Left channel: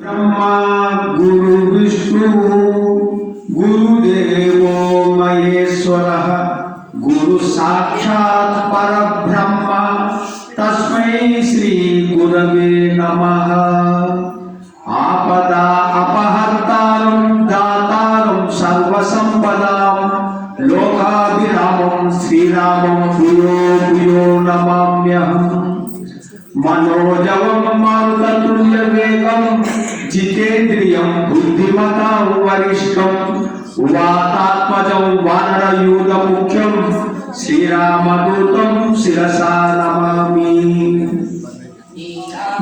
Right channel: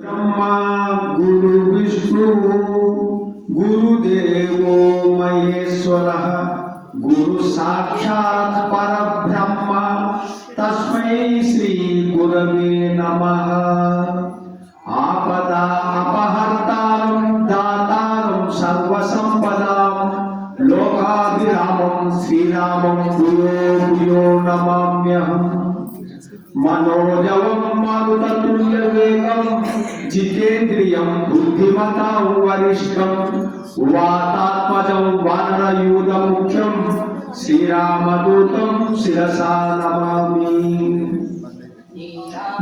ब्रह्मा गुरु विष्णु गुरुदेवो महेश्वरः गुरु साक्षात् परब्रह्म तस्मै श्री गुरवे नमः। आपदा अपहर्तारं दातारं सर्वसंपदां लोकाभिरामं श्रीरामं भूयो भूयो नमाम्यहम्। मनोजवं मारुततुल्यवेगं जितेन्द्रियं बुद्धिमतां वरिष्ठं वातात्मजं वानरयूथमुख्यं श्रीरामदूतं शिरसा नमामि।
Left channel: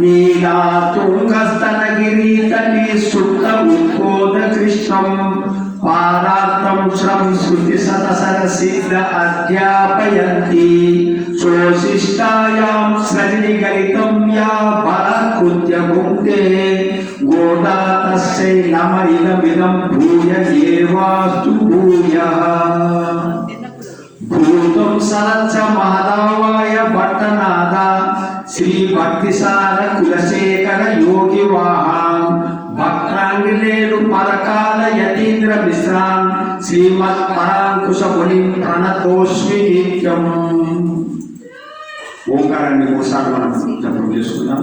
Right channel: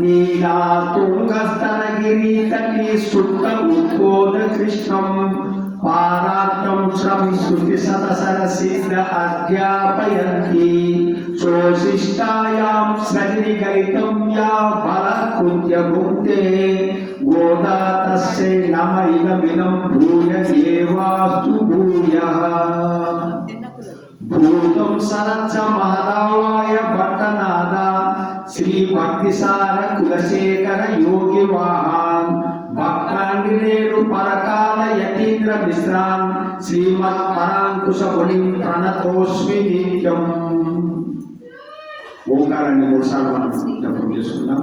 नीलातुङ्गस्तनगिरितटे सुप्त उद्बोधकृष्णं पारार्तं श्रुतिशतसरसिद्ध अध्यापयन्ति सोऽशिष्टायां सृजनिगलितं या बलकृत्य भुङ्क्ते गोदा तस्यै नम इदमिदं भूय एवास्तु भूयः। भूतं सदच्च महादावाय भट्टनाथ श्री भक्तिसार कुलशेखर योगी वाहां भक्तांगिलेनु परकाल यतीन्द्र मिश्रां श्रीमत् परांकुश मुनिं प्रणतोस्मि नित्यम्। ఓంకారాన్ని ఒకసారి మనం జపం చేసుకుందాం.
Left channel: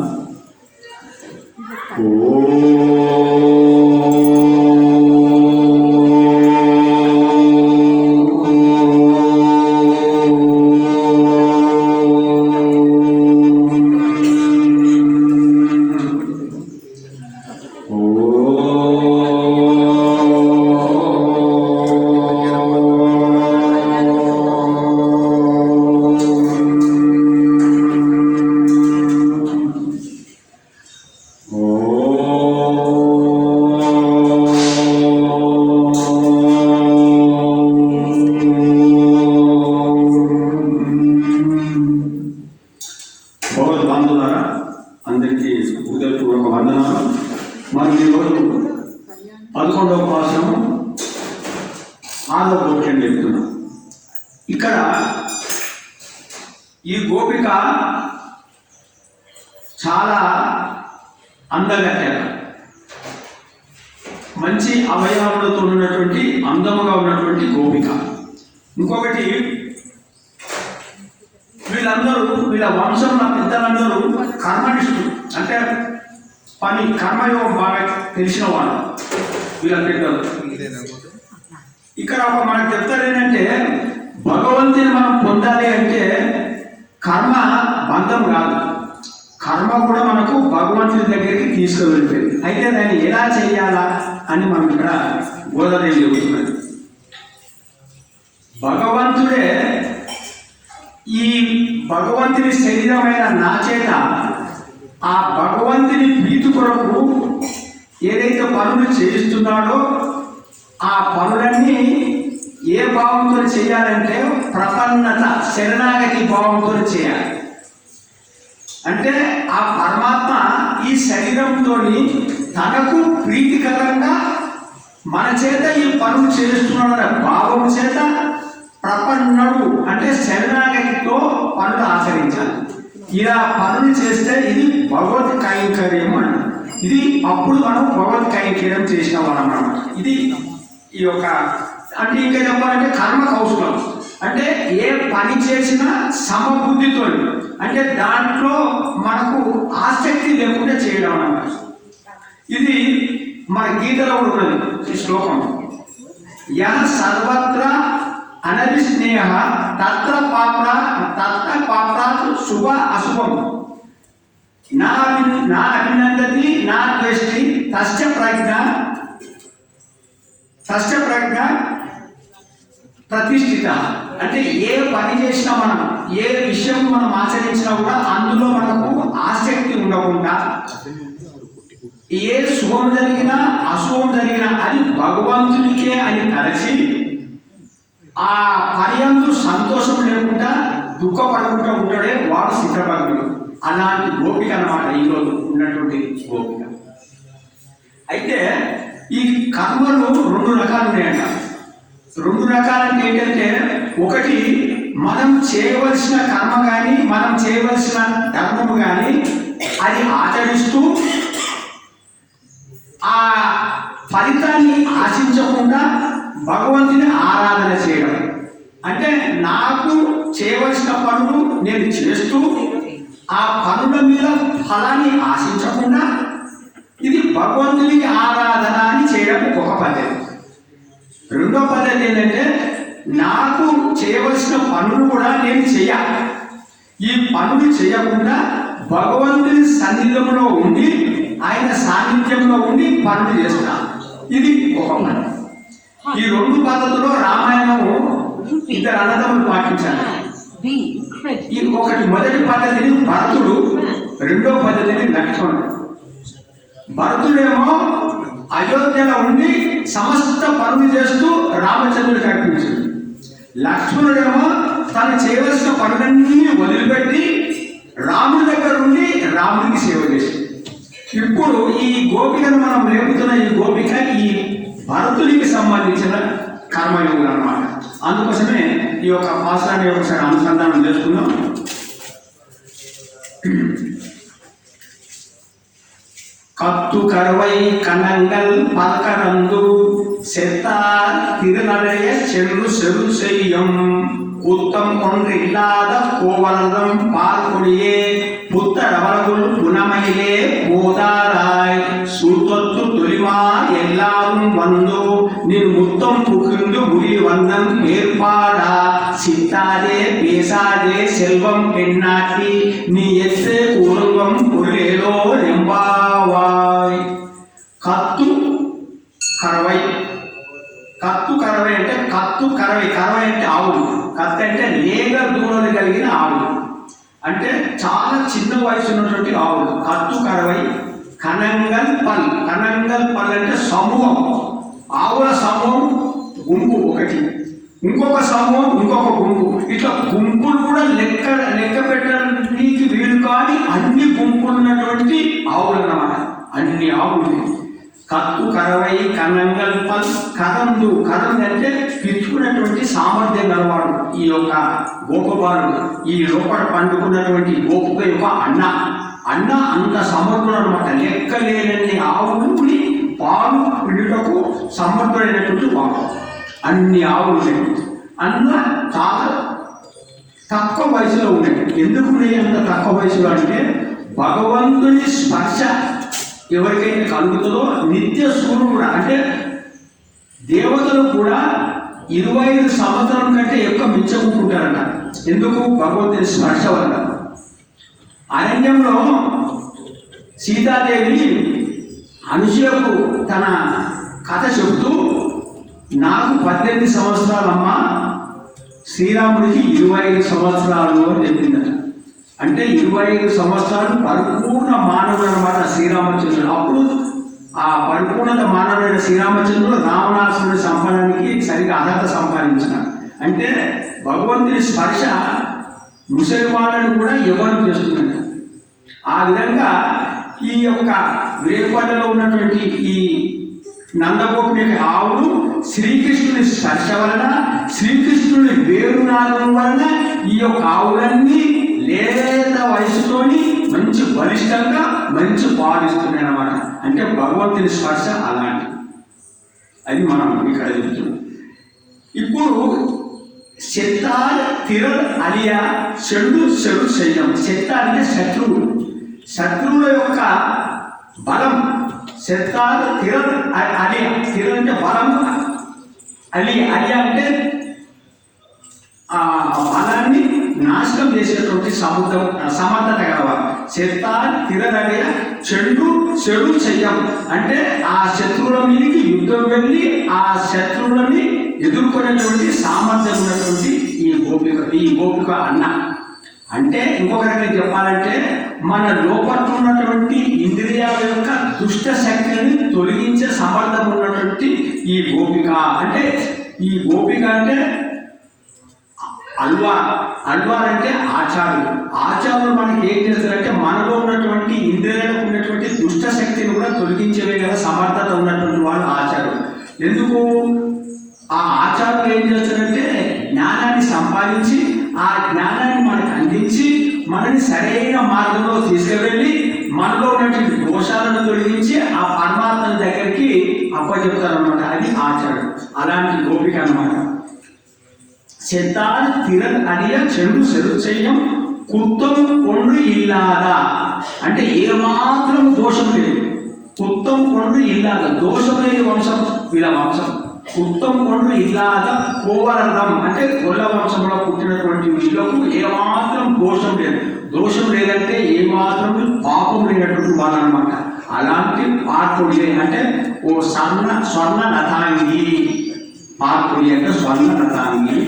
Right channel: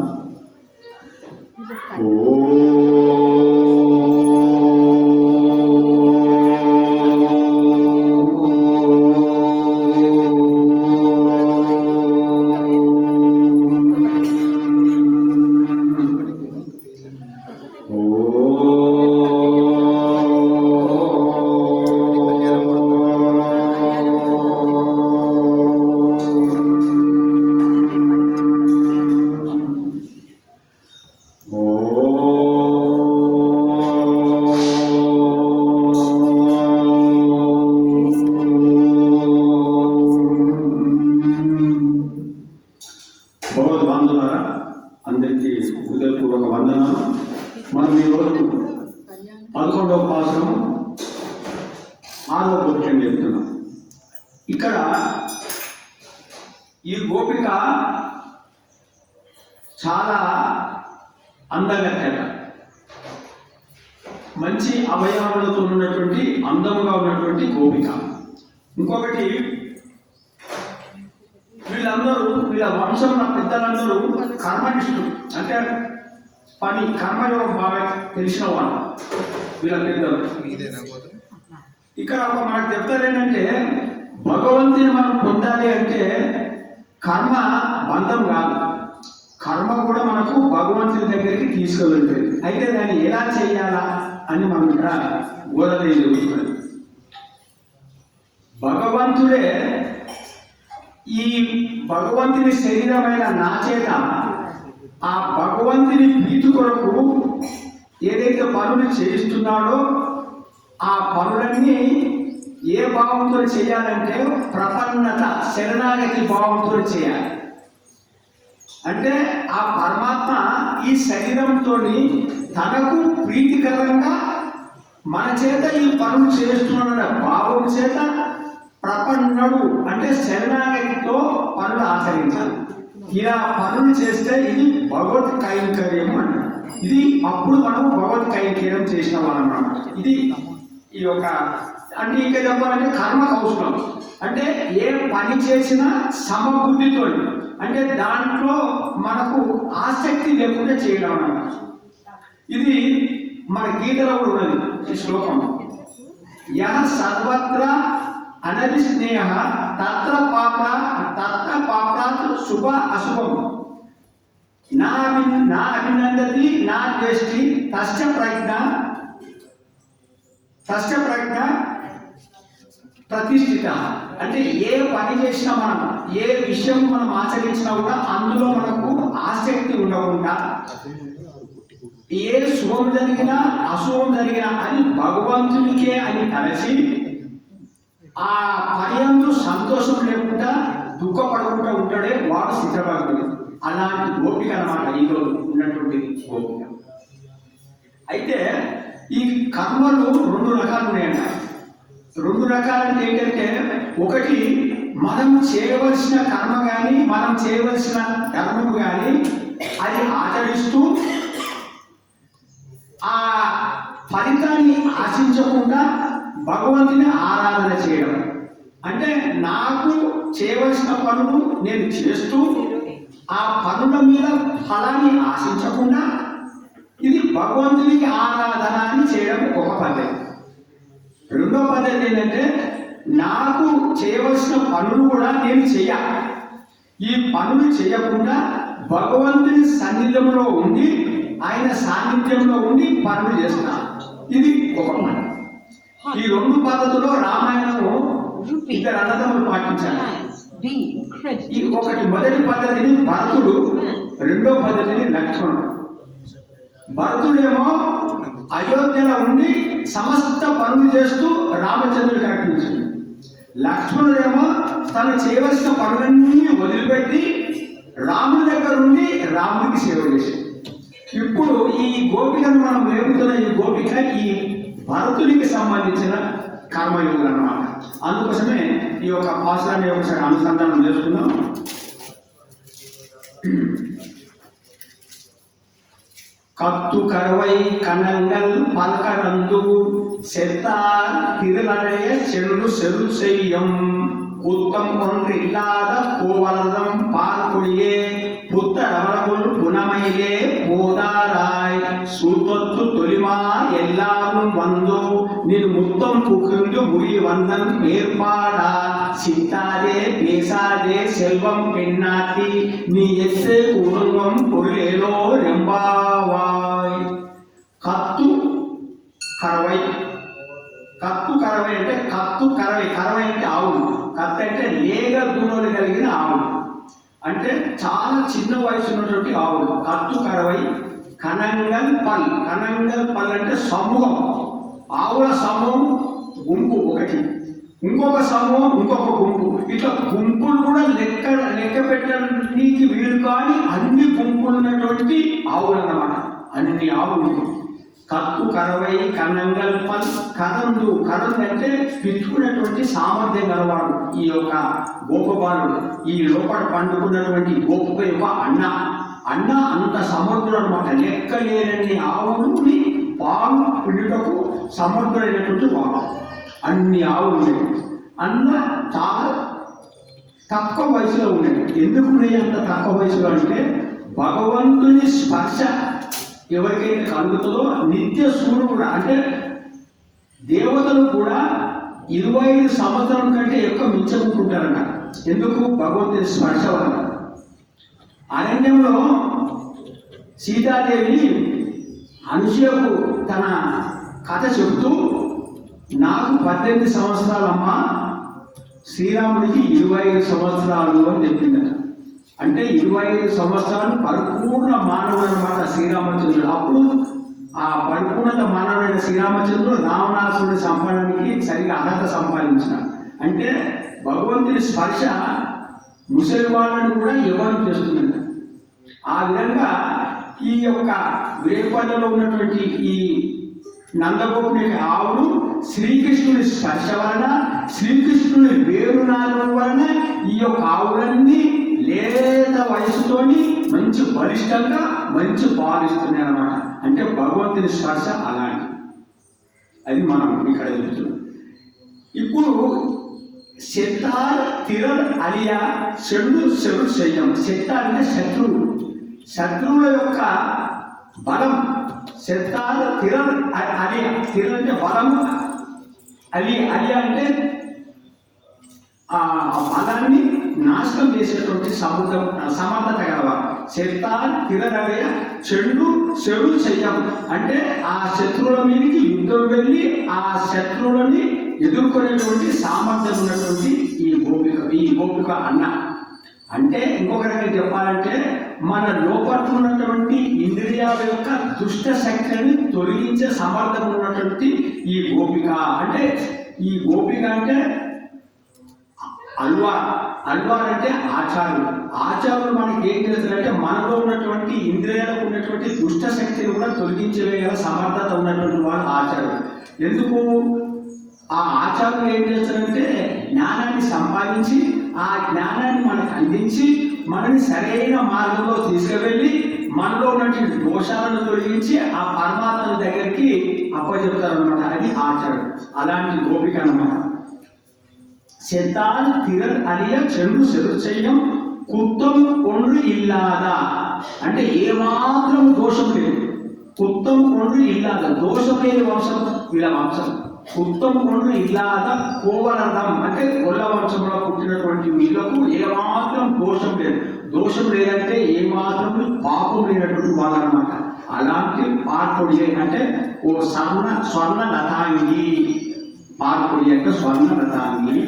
అందరికీ హృదయపూర్వక వందనాలు. మనం ఈరోజు 11వ పాఠం 6వ గోపికం చెప్తున్నాం. ఇక్కడ ఈ గోపిక చాలా అందగత్తె, మంచి అవయవాలతో ఉన్నటువంటి అందముగా ఉన్నటువంటి గోపిక. ఇంకొకటి, వీళ్ళందరూ వీళ్ళ వంశంలో పెద్దలందరూ కర్మనిష్ఠులు, అంటే పని కర్మయోగం బాగా తెలిసిన వాళ్ళు వీళ్ళ పెద్దలు. ఇక్కడ మనకు చెప్తారు ఏంటంటే, భగవంతుని మనం పొందాలి అంటే కర్మ బంధం కాదు, కర్మ కూడా మనకు భగవంతుని దగ్గరికి తీసుకువెళ్తుంది. అయితే దాన్ని ఎలా చేయాలా అని మనం ఇక్కడ గోదాదేవి చెబుతున్నది. భగవంతుడే ఈ భగవంతుని శరీరమైన నా చేత ఆ భగవంతుని ప్రీతి కొరకు ఏదైతే పనులు చేయిస్తున్నాడో ఆ పనులన్నీ ఏ భావంతో చేయాలంటే ప్రపన్నత, శరణాగతి భావంతో చేయాలి. అంటే ఆ పరమాత్మ ఈ శరీరంతో తనకు ప్రీతికరంగా మన చేత ఈ పనులు చేస్తున్నాడన్న భావం చేత ప్రపన్నుడు అంటే శరణాగతితో పనులు ఆచరించాలి. ఇలా పనులు చేస్తే ఇది భగవత్ కైంకర్యం అంటారు. ఇది అప్పుడు మనం భగవత్ కైంకర్యం చేసిన వాళ్ళమాట. ఇది ఈ యొక్క అంటే ఇంకా చెప్పాలంటే కర్మ కౌశలం, అంటే ఏ పని చేసినా సమబుద్ధితో, అంటే దాంట్లో మనకు ఆసక్తి లేకుండా చేయడం అన్నమాట. ఇది మన గీతలో కూడా ఉన్నది ఈ శ్లోకం. యః సర్వత్ర అనభిస్నేహ తత్ర పాప్రాత్ శుభ అశుభం నా అభినందతి నా ద్వేష్టి తస్య ప్రజ్ఞ ప్రతిష్ఠిత. అంటే ఏ పని చేసినా మనం, ఏ విషయం మనం ఆచరించినా కూడా అందులో మనకు ఆసక్తి ఉండకుండా, ఏ శుభం జరిగినా అశుభం జరిగినా అది భగవంతునికే అని తలచి ఆ పర్యందు సంతోషం లేకుండా దుఃఖపడకుండా ఉంటాడే వాడు సిద్ధభక్తుడు. అలాంటి గోపిక అన్నమాట ఈరోజు ఉన్నటువంటి గోపిక. అయితే ఈ కర్మలు 2 రకాలు ఉన్నాయంట. 2 రకాలంటే ఏంటంటే, ఒకటి మనం చేయవలసిన కర్మ కానీ మనం చేయవలసిన ధర్మము కానీ అది ఆచరిస్తూ ఆ ఫలితాన్ని ఆశించకుండా భగవంతుని ఆరాధన చేయడం. అంటే నాకు చేయవలసిన పనులు నేను చేస్తూ ఆ పనుల మీద ఫలాన్ని ఆశించకుండా ఇది భగవంతునికి ఆరాధన అని చేయడం ఒక పద్ధతి. రెండో పద్ధతి ఏంటంటే నాకు చేయవలసిన పనులు కూడా నేను చేయాలి. ఈ పనులు చేయకుండా భగవంతుని సన్నిధిలో ఉండి ఆయన సాన్నిధ్యంలో ఉండి పనులు చేస్తాను. ఇది ఒక పని. ఈ రెండు పద్ధతుల్లో రామాయణము ఇద్దరు అన్నదమ్ములు పాటించాలి. ఈ ఒకటి మొదటి పద్ధతిని భరతుడు, రెండో పద్ధతిని లక్ష్మణుడు. భరతుడేమో అయోధ్యలో ఉండి సమస్త పనులు చేస్తూ రామచంద్రుడికి అర్పించింది. లక్ష్మణుడేమో తను చేయవలసిన పనులన్నీ వదిలిపెట్టి రాముడి దగ్గర ఉండి రాముడికి సేవ చేసింది. ఇప్పుడు ఈ గోపికను మనం లేపుతున్న ఈ గోపిక ఈ భరతుడికి సంబంధించిన కర్మయోగులు అన్నమాట. అందుకోసమే ఈ యొక్క పాశాన్ని ఒకసారి అనుసంధానం చేసుకుందాం. கத்து கருவை கணங்கள் பல்கடந்து செத்தார் திருநடைய சென்று செரு செய்யும் குத்தம் ஒன்றில்லாத கோவலதம் பார்க்கொடியே புத்தடவளவுள் புனமையிலே போதாராய் சுத்தொத்து தொலிமா எல்லாரும் வந்து நின் முத்தம் புகுந்து முடி வந்தன் ஏற்பாடா சித்தாதே பேசாதே செல்வம் பெண்ணாட்டி நீ எத்து குடும்பம் பொருளேலோ రెంబావాయ్. కత్తు కరవై. కత్తు కరవై అంటే కత్తు కరవై. కరవై అంటే ఆవులు. కత్తు అంటే లేగ దూడలు కలిగిన ఆవులు, అంటే చాలా చిన్న వయసు ఉన్నటువంటి ఆవులు. కత్తు కరవై. కనంగల్ పల్. కనంగల్ పల్ అంటే సమూహం, ఆవుల సమూహం, గుంపు ఒకటి, ఇంకొక సమూహం, ఇంకొక గుంపు. ఇట్లా గుంపులు కూడా లెక్క పెట్టడానికి వీలు కాని అన్ని గుంపులు ఉన్నటువంటి ఆవులు అన్నమాట. అన్ని ఆవులు. కత్తు కరవై కనంగల్ పల్. కదందు. కదందు అంటే పిచ్చుకున్నటువంటి సామర్థ్యం అన్నవాడు ఈ యొక్క గోపబాలుడు. ఈ లోపల పండుకున్నటువంటి గోప యొక్క అన్న అంత సమర్థుడు అనమాట. లెక్క లేనన్ని ఆవులని పాలు పిండుటకు సమర్థుడైనటువంటి వాడు. అన్ని ఆవులు అన్న చాలా తక్కువ వయసులో ఉండేది. ఎందుకు అంత తక్కువ వయసులో అంటే భగవంతుని స్పర్శ ఎవరికైతే కలుగుతుందో నిత్య సూర్యుడు అంటే దేవతలు కూడా 25 సంవత్సరం కంటే ఎక్కువ మించుకుంటుంటారట. ఎందుకు? భగవంతుని స్పర్శ వల్ల. అరణ్యంలో సీతాదేవి అనుసూయకు తన కథ చెబుతూ నాకు 18 సంవత్సరాలమ్మా, శ్రీరాముడికి 25 సంవత్సరాలు అని చెప్పిందట. అంటే 25 సంవత్సరాలు పరిపూర్ణ మానవుడు అన్నమాట శ్రీరామచంద్రుడు. అప్పుడు ఆ పరిపూర్ణత మానవుడైన శ్రీరామచంద్రుడు రావణాసురుడి సంపాదనకి సరిగా అర్హత సంపాదించినాడు. అంటే భగవంతుని స్పర్శ ముసలి వాళ్ళని కూడా ఎవరు చేస్తుందంట. ఆ విధంగా ఈ యొక్క వేపల్లలో ఉన్నటువంటి ఈ నందగోపుని ఆవులు శ్రీకృష్ణుని స్పర్శ వలన, శ్రీకృష్ణుని వేరునాదం వలన ఈ యొక్క ఆవులన్నీ లేత వయసుతోని మంచి బలిష్టంగా మంచి పాలిస్తున్నాయి అన్నమాట. అంటే భగవంతుని స్పర్శ అలాంటి. అది మనం ఇక్కడ చెప్తున్నాం. ఇప్పుడు శత్తార్ తిరల్ అలియా చెడు చేయడం. శత్త అంటే శత్రువు, శత్రువుల యొక్క బలం. శత్తార్ తిరల్ అలియా. తిరల్ అంటే బలం, అలియా అంటే ఆ బలాన్ని నాశనం చేసేటువంటి సమర్థత గలవారు. శత్తార్ తిరల్ అలియా చెడు చెయ్యం అంటే ఆ శత్రువుల మీదకి యుద్ధం వెళ్ళి ఆ శత్రువులని ఎదుర్కొనేటువంటి సామర్థ్యం ఉన్నటువంటి ఈ గోపిక అన్న. అంటే ఇంకొక రకంగా చెప్పాలంటే మన లోపల ఉన్నటువంటి ఇంద్రియాల యొక్క దుష్ట శక్తిని తొలగించే సమర్థం ఉన్నటువంటి ఈ గోపిక. అంటే ఈ గోపిక అంటే అల్వార్ అంటే ఆచార్యులు. ఆచార్యులు మనకి ఏం చేస్తారంటే మనలో ఉన్నటువంటి ఇంద్రియాలకు ఉన్నటువంటి దుష్ట శక్తిని కూడా తొలగించవేయగల సమర్థత ఉన్నటువంటి వాళ్ళు ఆచార్యులు. ఎందుకు? ఆ ఆచార్యులు ఏం చేస్తారంటే జ్ఞానాన్ని సంపాదించి ఆ జ్ఞానాన్ని మనకు అందించి మనని సరైన మార్గంలో తీసుకువెళ్ళి మనలో ఉన్నటువంటి దోషాలను తొలగించి ఆ పరమాత్మ దగ్గరికి అప్పచెప్తారనమాట. అది ఆచరణ. అలాంటి గోపిక అనమాట. செத்தால் திறன் அடிய చెడు చెయ్యం కుత్తం కొండ్రు ఇల్లాదా అంటే ఏమాత్రం దోషం లేదు. కుత్తం కొండ్రు ఇల్లాదా దోషం లేని వంశం వీళ్ళ వంశం. కుత్తం కొండ్రు ఇల్లాదా కోవరథం అంటే గొల్ల వంశంలో పుట్టినటువంటి వీళ్ళకు ఏమాత్రం దోషం లేదు. దోషం లేదంటే ఏమాత్రం పాపం లేనటువంటి వాళ్ళనమాట. అలాంటి పార్కుడి అంటే ఓ స్వర్ణ లతాంగి, పార్కుడి అంటే స్వర్ణ లతాంగి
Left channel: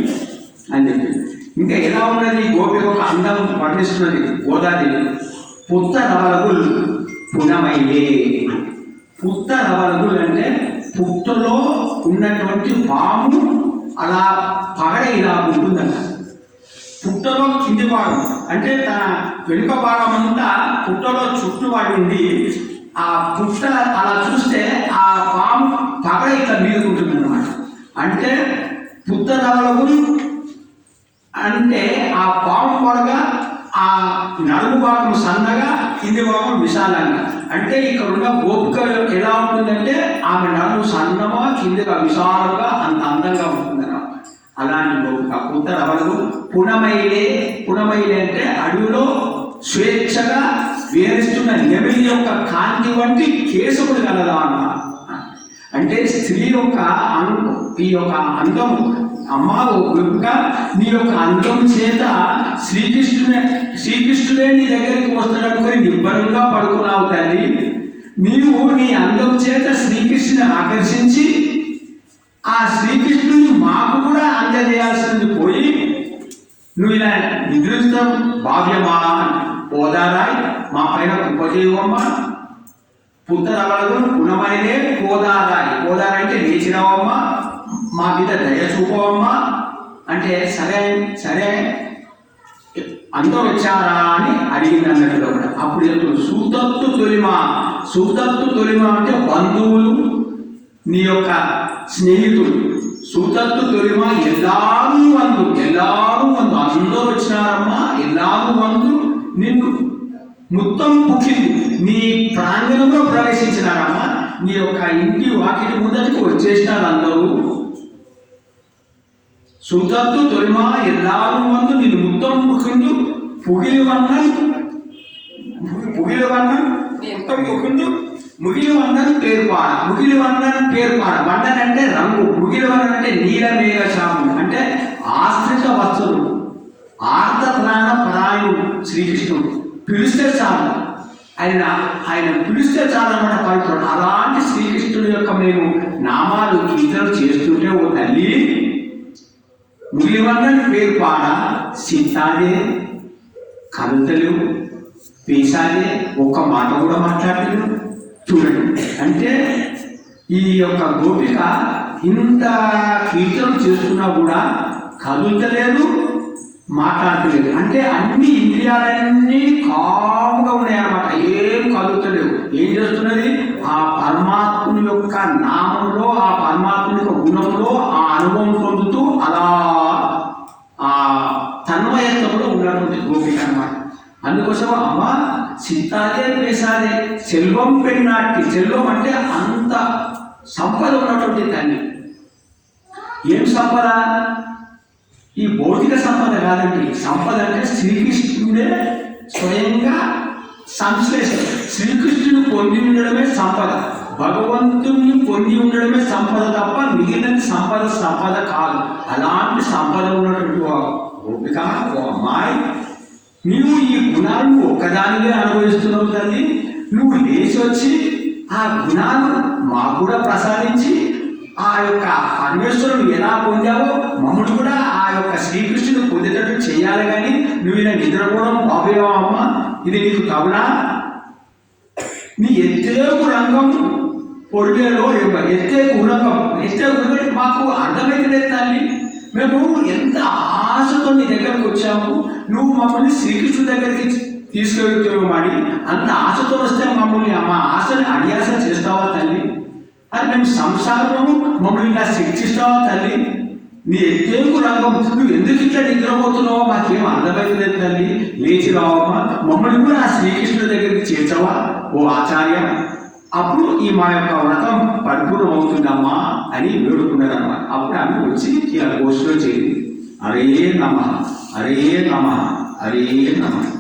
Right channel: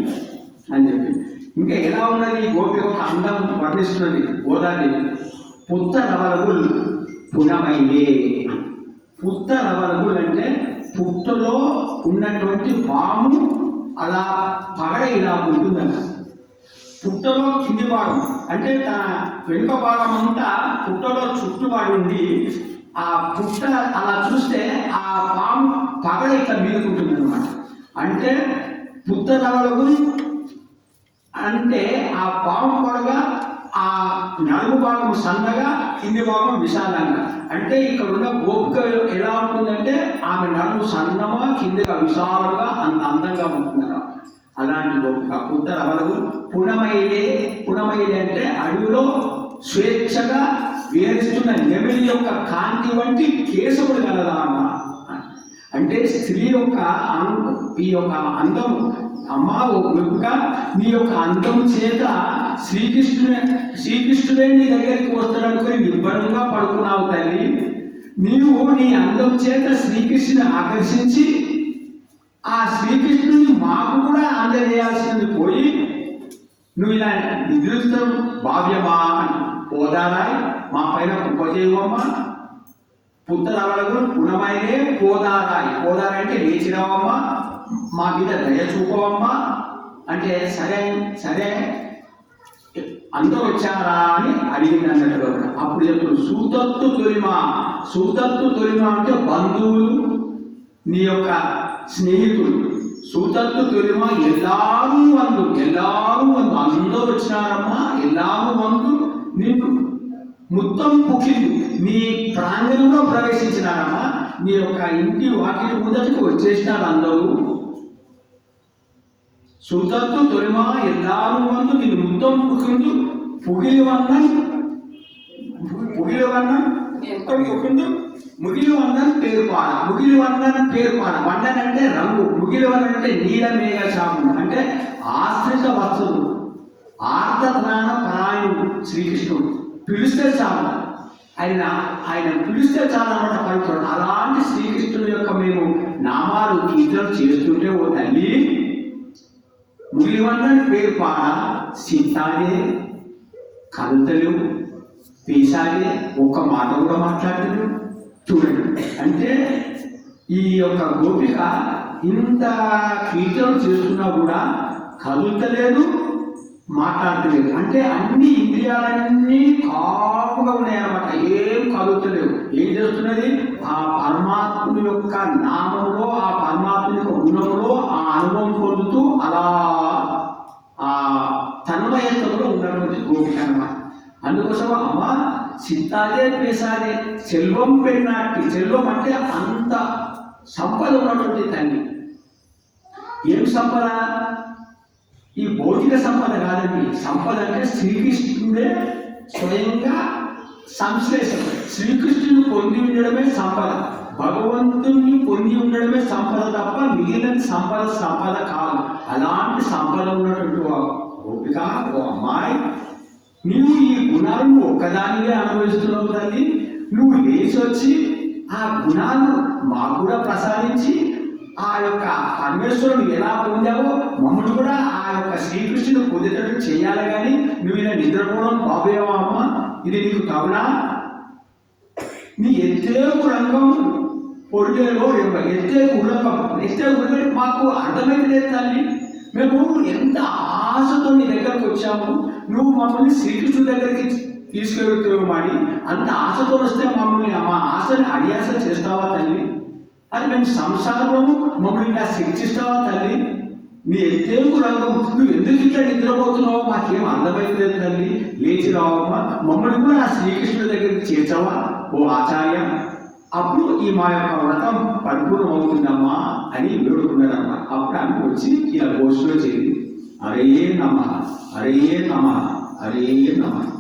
అని చెప్పి. ఇంకా ఎలా ఉన్నది గోపి ఒక అందం వర్ణిస్తున్నది గోదాదేవి. పుత్త రవలగుల్ పునమైలే. పుత్త రవలగుల్ అంటే పుట్టలో ఉన్నటువంటి పాము అలా పగడ ఇలా ఉంటుందన్న. పుట్టలో కింది భాగం అంటే తన వెనుక భాగం అంతా పుట్టలో చుట్టువాడి ఉంది. ఆ పుట్ట అలా చూస్తే ఆ పాము పగడ ఇట్లా మీదుకుంటుంది అన్నమాట. అంటే పుత్త రవలగుల్ అంటే ఆ పాము పొడగా ఆ నడుము భాగం సన్నగా కింది భాగం విశాలంగా. అంటే ఇక్కడ ఉన్న గోపిక ఎలా ఉంటుందంటే ఆమె నడుము సన్నగా కిందిగా విశాలంగా అంత అందంగా ఉంటుందన్నమాట. అలాంటి గోపిక పుత్త రవలు పునమైలే. పునమైలే అంటే అడవిలో స్వేచ్ఛగా వేరిస్తున్న నెమిలి యొక్క కాంతి వంటి కేశములు కలదా అన్న. అంటే స్త్రీ యొక్క ఈ యొక్క అందం అమ్మా గోపిక నీ యొక్క అందం చేత శ్రీకృష్ణుడే నీ దగ్గరికి వస్తున్నాడు నిబ్బరంగా పడుకున్నావు తల్లి. నీవు నీ అందం చేత శ్రీకృష్ణుని ఆకర్షించి ఆ శ్రీకృష్ణుని మాకు కూడా అందజేయాల్సింది పోయి నువ్వు ఇలా నిద్రిస్తాం భావ్యమా పోదారాయ్ మా పైన ఉపజీవమ్మా. పుత్తరవలకు గుణమైనే పోదారాయ్. పోదారాయ్ అంటే లేచినావమ్మా, మా మీద దయ చూపవమ్మా అంటే సరే అందరూ వచ్చారా అని అడిగింది అన్నట్టు కూడా. అప్పుడు చెప్తుంది సూతత్తు తొలిమా. సూతత్తు తొలిమా అంటే బంధువులు, నీ యొక్క స్నేహితులు. సూతత్తు తొలిమా ఎల్లారు వందు అందరూ వచ్చినారమ్మా. ఎల్లారు వందు నిన్ను మొత్తం పుట్టింది నీ ప్రాంగణంలో ప్రవేశించినారమ్మా. నీ యొక్క ఇంటి వాకిలి ముందరికి వచ్చేసినారు అందరూ. సూతత్తు తొలిమా ఎల్లారు వందు నిన్ను మొత్తం పుట్టిండు. పుగిలి వన్నం ముగిలి వన్నను పేర్పాడ. ముగిలి వన్నను పేర్పాడ. వన్నన్ అంటే రంగు. ముగిలి వన్నన్ అంటే నీలమేఘ శాపం అంటే ఆశ్రిత వస్తువులు. ఆర్తత్రాణ పరాయణుడు శ్రీకృష్ణుడు. పిలిస్తే చాలు, ఆయన పిలిస్తే చాలు అన్నమాట పవిత్రుడు. అలాంటి శ్రీకృష్ణుడి యొక్క మేము నామాలు కీర్తనలు చేస్తుంటే ఓ తల్లి ముగిలివన్నని పేరు పాడ సీతాదే కవితలు పేసాదే ఒక్క మాట కూడా మాట్లాడలేదు. చూడండి అంటే ఈ యొక్క గోపిక ఇంత కీర్తనలు చేస్తున్నా కూడా కదులుతలేదు, మాట్లాడలేదు. అంటే అన్ని ఇంద్రియాలన్నీ కామ్గా ఉన్నాయన్నమాట. ఏం కదులుతలేవు. ఏం చేస్తున్నది? ఆ పరమాత్ముని యొక్క నామంలో, ఆ పరమాత్ముని యొక్క గుణంలో ఆ అనుభవం పొందుతూ అలా ఆ తన్మయత్వంలో ఉన్నటువంటి గోపిక అన్నమాట. అందుకోసం అమ్మ సిత్తాదే పేసాదే సెల్వం పెన్నాటి. సెల్వం అంటే అంత సంపద ఉన్నటువంటి తల్లి. ఏం సంపద? ఈ భౌతిక సంపద కాదండి. సంపద అంటే శ్రీకృష్ణుడే స్వయంగా సంశ్లేషణ. శ్రీకృష్ణుని పొంది ఉండడమే సంపద. భగవంతుని పొంది ఉండడమే సంపద తప్ప మిగిలినది సంపద కాదు. అలాంటి సంపద ఉన్నటువంటి గోపిక ఓ అమ్మాయి, నీవు ఈ గుణాలను ఒక్కదానివే అనుభవిస్తున్నావు తల్లి. నువ్వు లేచి వచ్చి ఆ గుణాలను మాకు కూడా ప్రసాదించి ఆ యొక్క పరమేశ్వరుడు ఎలా పొందావో మమ్మల్ని కూడా ఆ యొక్క శ్రీకృష్ణుడు పొందేటట్టు చేయాలి. కానీ నువ్వు ఇలా నిద్రపోవడం బాబేవమ్మా, ఇది నీకు తగునా? నీ ఎత్తే రంగం పొడిలో ఎత్తే కులంగం మాకు అర్థమైతే తల్లి. మేము ఎంత ఆశతో నీ దగ్గరకు వచ్చాము. నువ్వు మమ్మల్ని శ్రీకృష్ణుడి దగ్గరికి తీసుకెళ్తున్నామని అంత ఆశతో వస్తే మమ్మల్ని మా ఆశని అడియాస చేస్తావా తల్లి? అది మేము సంసారము మమ్మల్ని ఇలా శిక్షిస్తావా తల్లి? నీ ఎత్తేకు రంగం, నువ్వు ఎందుకు ఇట్లా నిద్రపోతున్నావో మాకేం అర్థమైతలేదు తల్లి, లేచి రావమ్మా, మమ్మల్ని కూడా ఆ శ్రీకృష్ణుడి దగ్గరికి చేర్చవా ఓ ఆచార్య. అప్పుడు ఈ మా యొక్క వ్రతం పరిపూర్ణం అవుతుందమ్మా అని వేడుకున్నారమ్మా. అప్పుడు ఆమె వచ్చి ఇలా గోష్ఠిలో చేరింది. హరే నమః, హరే నమః, హరే నమః.